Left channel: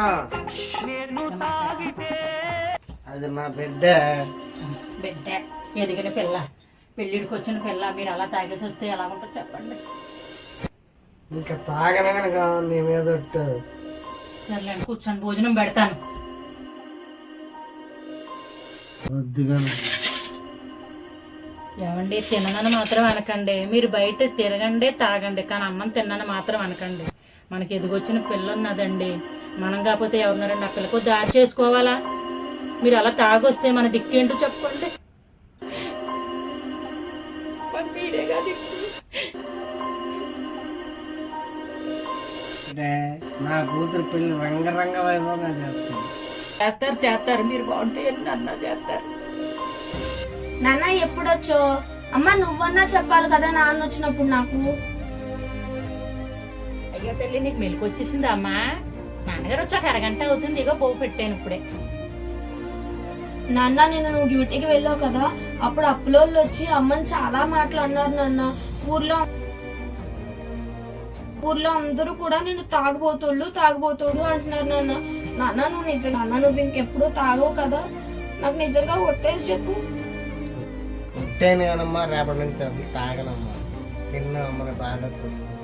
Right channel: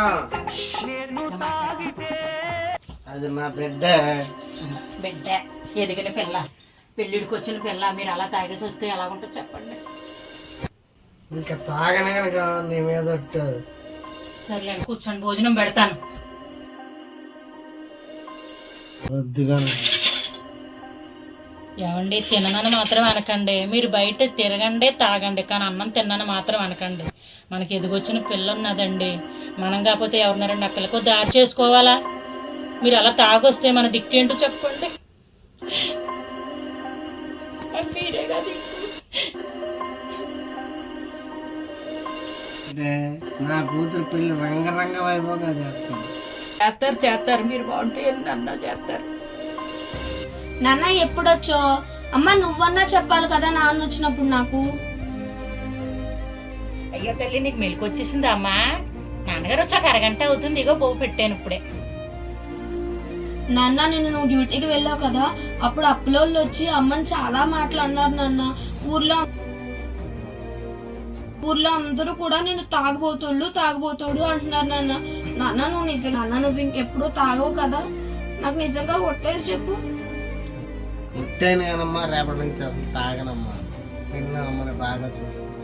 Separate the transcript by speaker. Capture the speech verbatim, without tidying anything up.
Speaker 1: అది నా బిడ్డ.
Speaker 2: బిడ్డ ఎదిగిన పిల్ల, పెళ్ళిడికి వచ్చిన పిల్ల, మీరు అలా తాగేసి వస్తే ఎలా ఉంటుంది చెప్పండి.
Speaker 1: ఇంకా తాగనే కావాలి నీ మీద.
Speaker 2: సరే కూర్చొని భోజనం పెడతాను.
Speaker 1: వద్దుగా
Speaker 2: ఏమండి, తిననని మాత్రం అనకండి. మీరు బయట తిరగండి తాగండి, కానీ అన్నం తిన్నాను మాత్రం అనకండి. మనకి ఎదిగొచ్చిన పిల్ల ఉన్నదండి, మనం కాకపోతే ఎవరినారండి ఆ పిల్లకు దారి చేసుకోవాలా? మీరు అలా తాగొస్తే మన దిక్కేంటో చెప్పండి. మీరేగా దిక్కు.
Speaker 1: నా కూతురు పెళ్లి రంగరంగ వైభవంగా చేస్తాను.
Speaker 2: చేస్తారు చేస్తారు మీరు బాగుంటే అన్నా చేస్తారు.
Speaker 3: నాన్న ఎప్పుడొచ్చో? అమ్మ నువ్వన్నా చెప్పాలి కదా నాన్న వచ్చినప్పుడు నాకు.
Speaker 2: అయ్యో తల్లి, నీకు మెలకు వచ్చేసిందా అమ్మా? నాన్నగారు వచ్చాక అరగంట అవుతుంది, ఇగో పోవు పెట్టాను ఇప్పుడే.
Speaker 3: నాన్న నిన్ను నువ్వు డ్యూటీకి వెళ్ళావు కదా, అప్పుడు అప్పులోళ్ళు వచ్చి అమ్మని చాలా మాటలు అన్నారు నాన్న. ఊర్లో ఊర్లో అందరూ కూడా నేను తాగబోతోళ్ళు తాగబోతోడు అంటున్నారు నాన్న. నాన్న నువ్వు నిజం నాన్న నువ్వు ఇంకెప్పుడు తాగవు కదా, నాకు నిజంగా ఒట్టేసి చెప్పు.
Speaker 1: పుట్టాను కానమ్మా, రేపటి నుంచి అసలు తాగనమ్మా. నిన్న అమ్మని బాగా చూసుకున్నాను.